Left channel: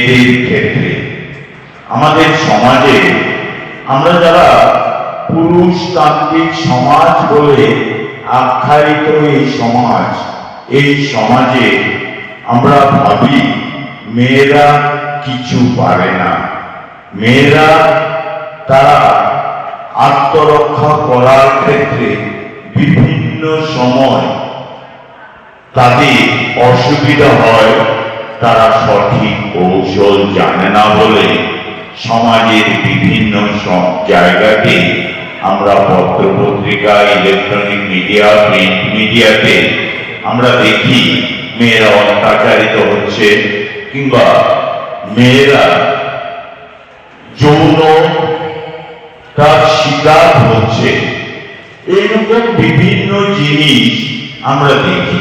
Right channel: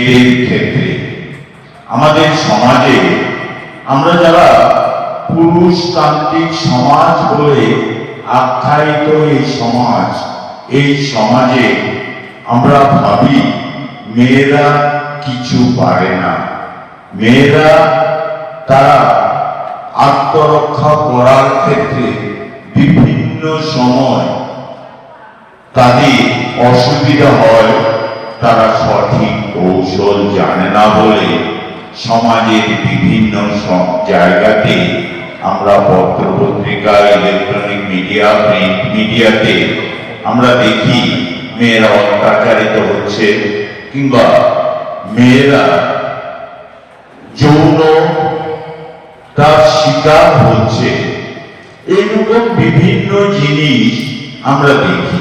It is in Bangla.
এর ক্ষেত্রে। আমাদের সমাজে আমরা যারা পুরুষতান্ত্রিক সমাজ বলে আখ্যায়িত এই সমাজ, এই সমাজে আমরা ভাবি, মেয়েরা কিছু পারে না। মেয়েরা তারা আত্মরক্ষা করার ক্ষেত্রে বিভিন্ন সময় তাদের অসুবিধা হয়, তারা সঠিক কৌশল জানে না বলে সমাজের বিভিন্ন সব জায়গাতে আমরা পত্র পত্রিকা ইলেকট্রনিক মিডিয়া প্রিন্ট মিডিয়াতে আমরা দেখি মেয়েরা অত্যাচারিত হচ্ছে কিংবা মেয়েরা যৌন তার শিকার হচ্ছে। এরকম বিভিন্ন জিনিস আমরা দেখি।